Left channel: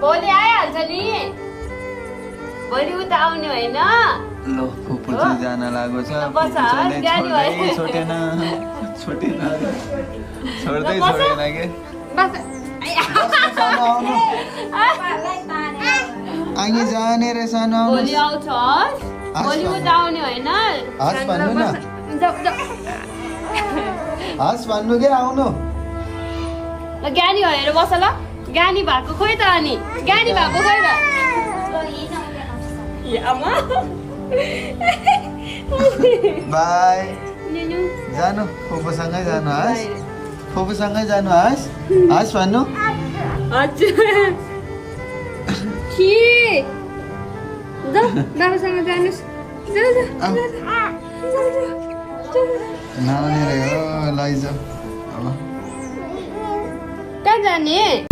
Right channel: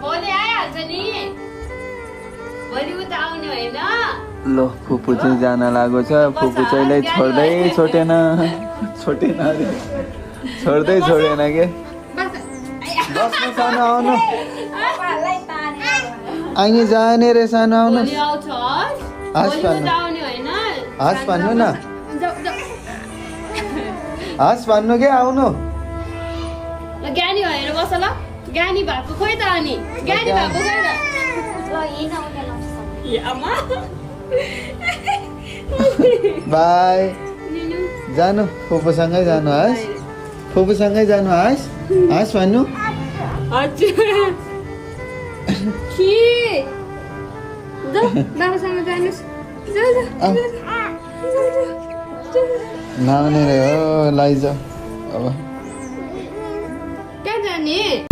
भोलि आइहाल्छ नि भोलि उता आउने होइन लो फुपू चाहिँ जान लागेको छ फुपू चाहिँ छोडेन छोड्दै छोडेन के आइने जाने रे सानो भोलि आउँछ भोलि उता आउने होइन हाँस भन्नु न हाँस भन्नु के आउनु ल ज्ञानी भनेर बस ल ज्ञानी भएको खोइ त अनि ज्ञानी भएको खोइ त आमा बाई जानु फुपूसँगै जानु हाँस फुपूसँगै जानु हाँस हाँस भन्नु दादासँग जानुहोस् नानी रे हो लैजा अब कहाँ जाने